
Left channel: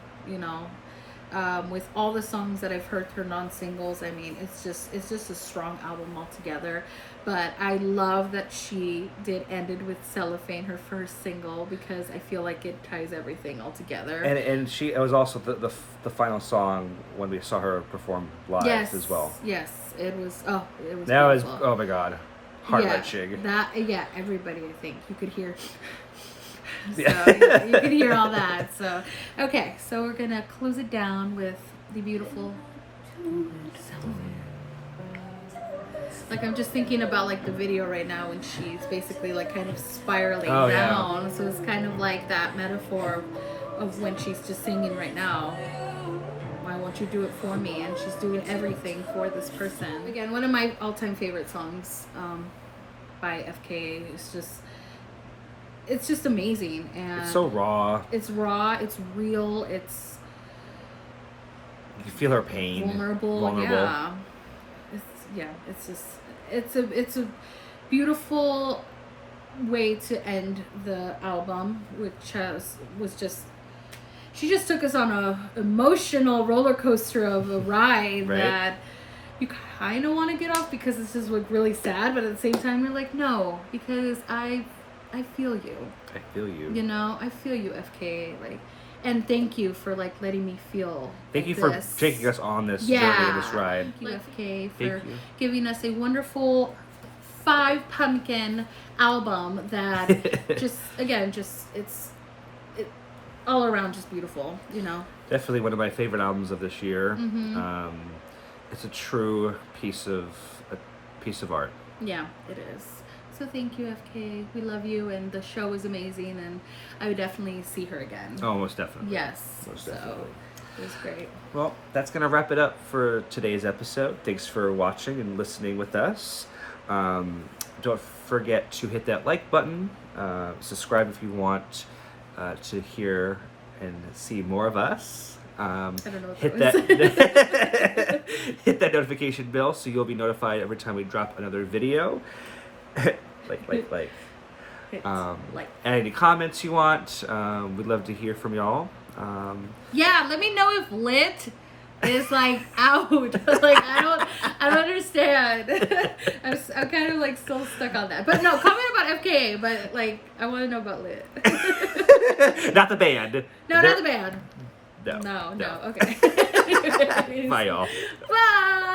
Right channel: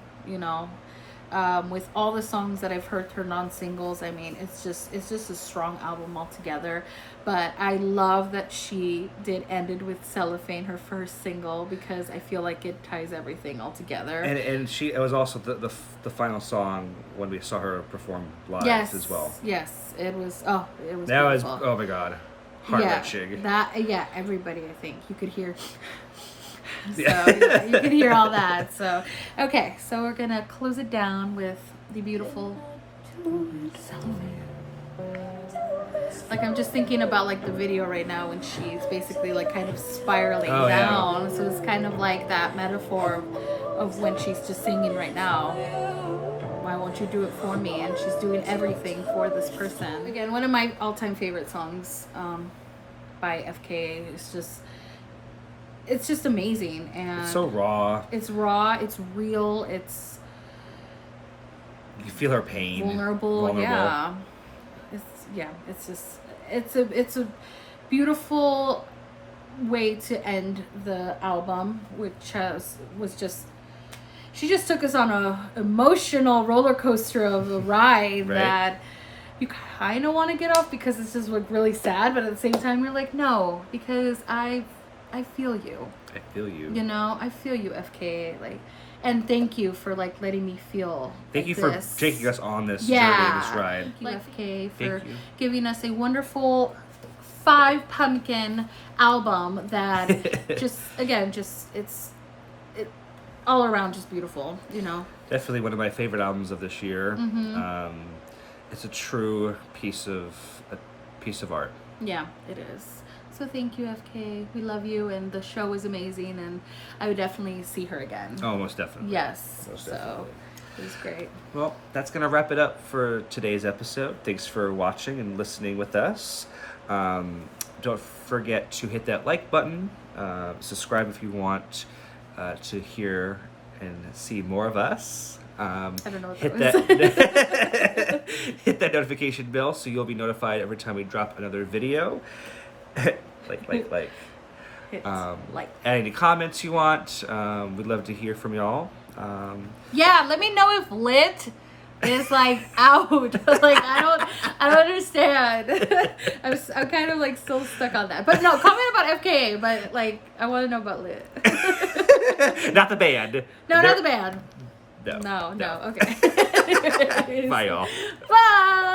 with all the songs that I've heard, her non-singles. I mean, it's just a strong album altogether. But I love that she ended with Cellophane, her first single, because I feel like it ties everything all together. And it was also the final song when we saw her perform live as well. Yes, it was. Oh, it was. That beautiful. was, oh my God, heart-wrenching. Everybody, I think you could hear. So you can hear all that. So okay, so we're gonna close it down with the beautiful Cellophane. Like, I'm just thinking about like the video right now when she's basically like kind of spiraling down. Yeah. So it's kind of like that metaphor of when she's just singing right now. Why won't you do it for me? And she's doing everything for this person. Again, one of my all-time favorite songs by FKA. It's just amazing, and it's so raw. It's real. You feel her pain. Vulnerable. Yeah. It's a beautiful way to end the album, which was just, she just took us on a emotional roller coaster of a ride that you kind of want to get off because this is like really sad, but at the same time you're like, no, because I feel you. I feel you. I feel you, FKA. Like, and thank you for like letting me feel. Thank you for taking us on this journey, this ride. Thank you, FKA, for giving us a wonderful 5 pumpkin album that it's all around just beautiful. Definitely one of my favorite albums of this year. It's a true piece of art. Yeah, it is. So thank you, FKA. We love you, and the show is amazing, and I would definitely see her again. Oh, most definitely. Yes. Definitely. It was great. Well, that's going to wrap it up for today's episode. Thanks for watching and listening with us. Don't forget to hit that like button. Subscribe if you want to hear and see more of us. I don't know what hit that notification bell so you'll be notified every time we drop another video. like. Add any comments you want. We'd love to hear from y'all. Let me know if lit is like out. Like I don't understand. I'm kind of like still stuck on that. But no, comment about FKA. But like I want to know about lit. Not the band. No, not the band. No. Okay. Bye, y'all. Bye.